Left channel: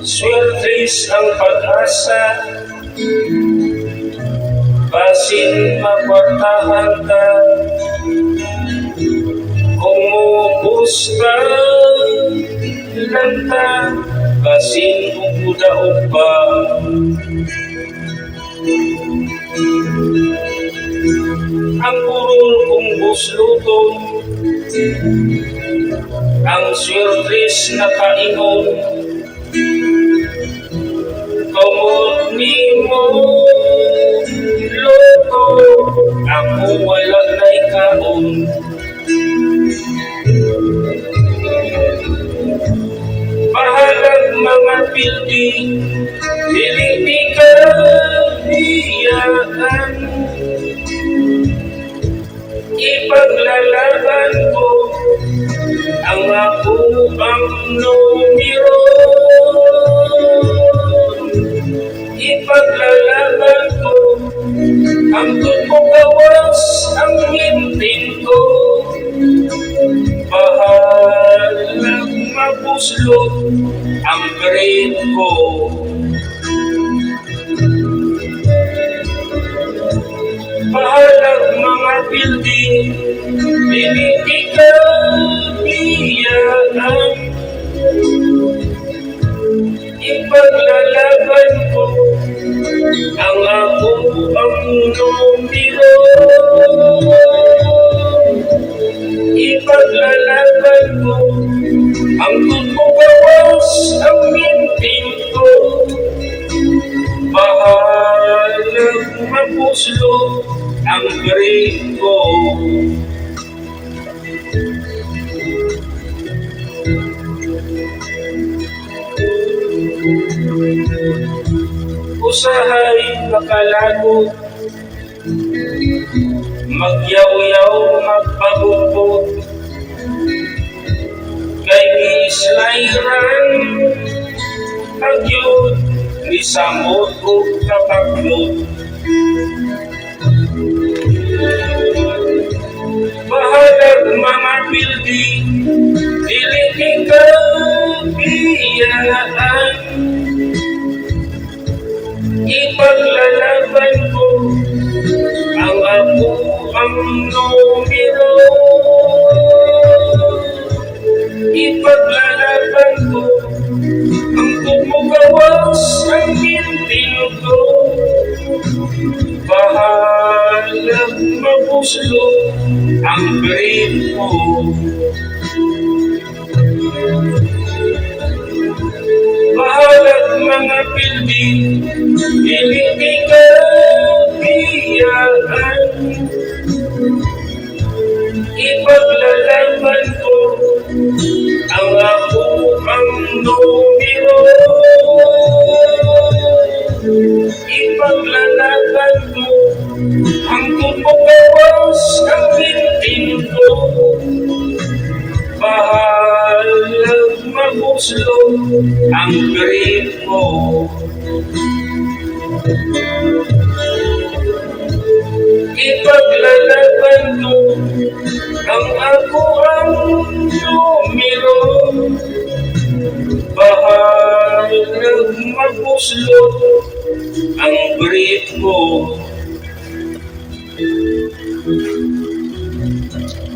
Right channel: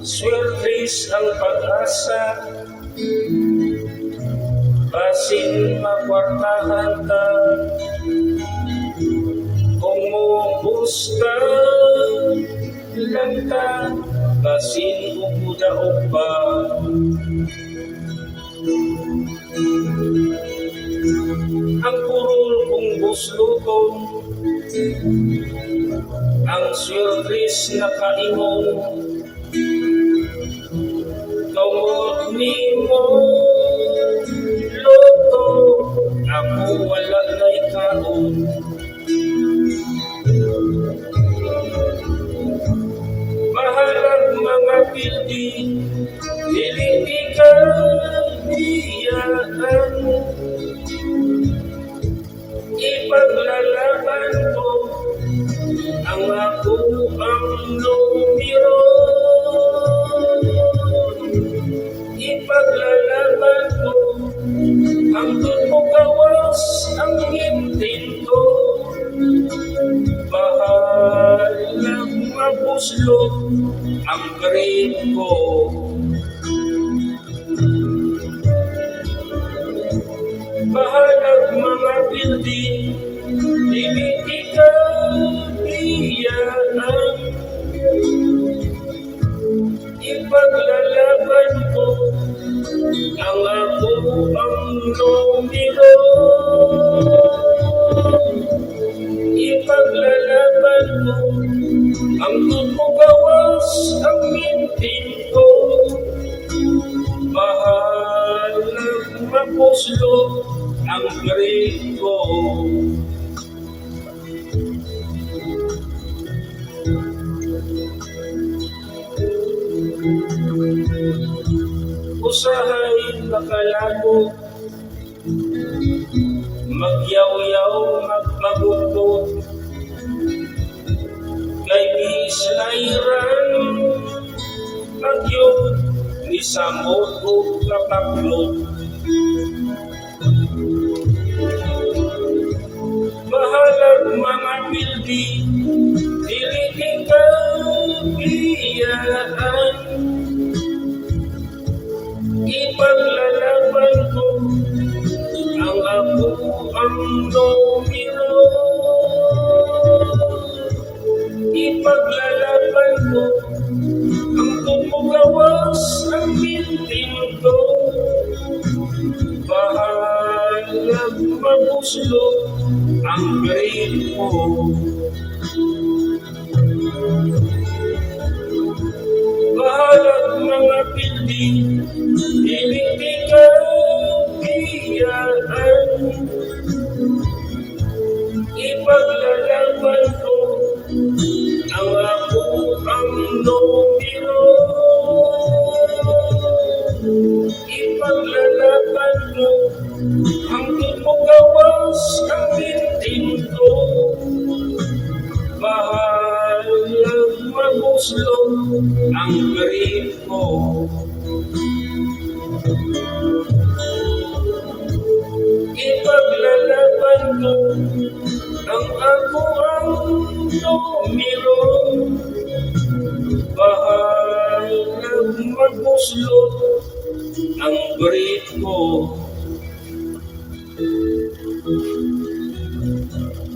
Swertres ang pag-asa, basin mapatahan ka. Kung mubus ka lang ta, basin udaog pa. Ang purol kong buslutong, ang swertres na kaingon. Kamot ni mo luto, ako wala na'y kaon. Bahalag mga building, dili ka biyaan. Ipaglalaban ko ang ako ang numero. Ipaglalaban ko ang gawas ang hintin ko. Bahalag mabuslot ang brain ko. Bahalag mga building, dili ka biyaan. Ipaglalaban ko ang ako ang numero. Ipaglalaban ko ang gawas ang mintin ko. Bahalag mapuslo ang brain ko. Usahay makalago, magyaw-yaw magpagupot, kay gislayran agyod ni samot o kapaglot. Bahalag mga building, dili ka biyaan. Ipaglalaban ko ang ako ang numero. Ipaglalaban ko ang gawas ang hintin ko. Bahalag mabuslo ang brain ko. Bahalag mga building, dili ka biyaan. Ipaglalaban ko ang ako ang numero. Ipaglalaban ko ang gawas ang hintin ko. Bahalag mabuslo ang brain ko. Ipaglalaban ko ang ako ang numero. Bahalag mabuslo ang brain ko.